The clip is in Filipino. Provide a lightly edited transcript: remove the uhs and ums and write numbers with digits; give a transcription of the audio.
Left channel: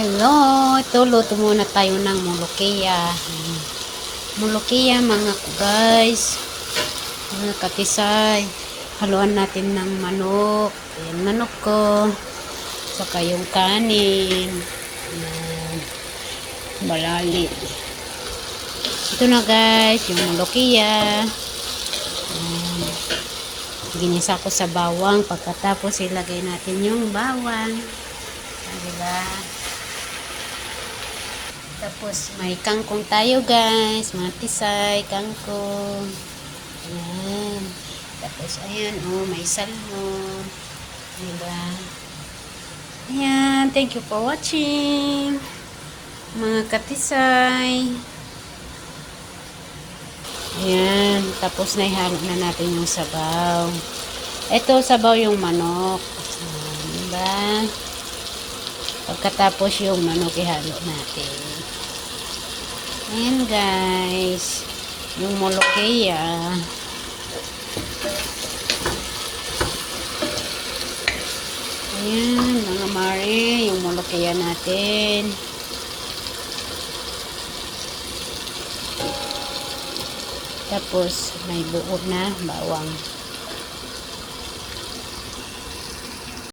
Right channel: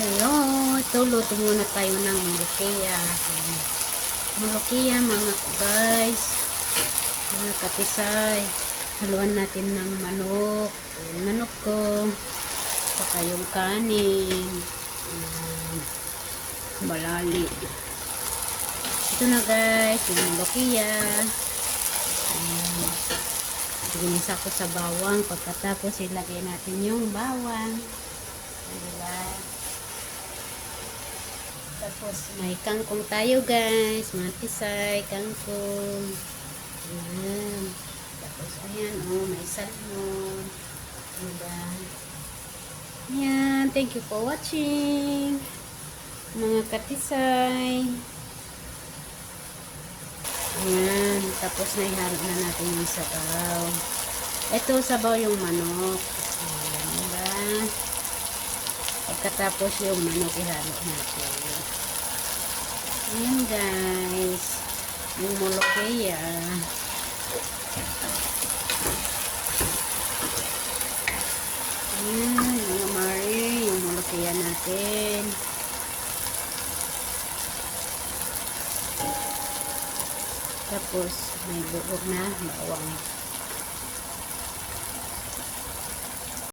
Hello, ito luto muna tayo ng mulukiya. Mulukiya mga guys, mga katisay. Haluan natin ng manok. Ayan, manok ko. Saka yung kanin. Ayan, balali. Ito na guys, yung mulukiya. Ayan, ginisa ko sa bawang. Pagkatapos ilagay natin yung bawang. Diba? Tapos may kangkong tayo guys, mga tisay, kangkong. Ayan. Tapos ayan, oh, may salmon. Diba? Ayan, thank you for watching. Mga katisay. Ayan, tapos na ihalo na natin yung sabaw. Ito, sabaw yung manok. Ayan, diba? Pagkatapos yung manok ihalo natin. Ayan guys, yung mulukiya. Ayan mga mare, yung mulukiya natin. Tapos may buo na bawang.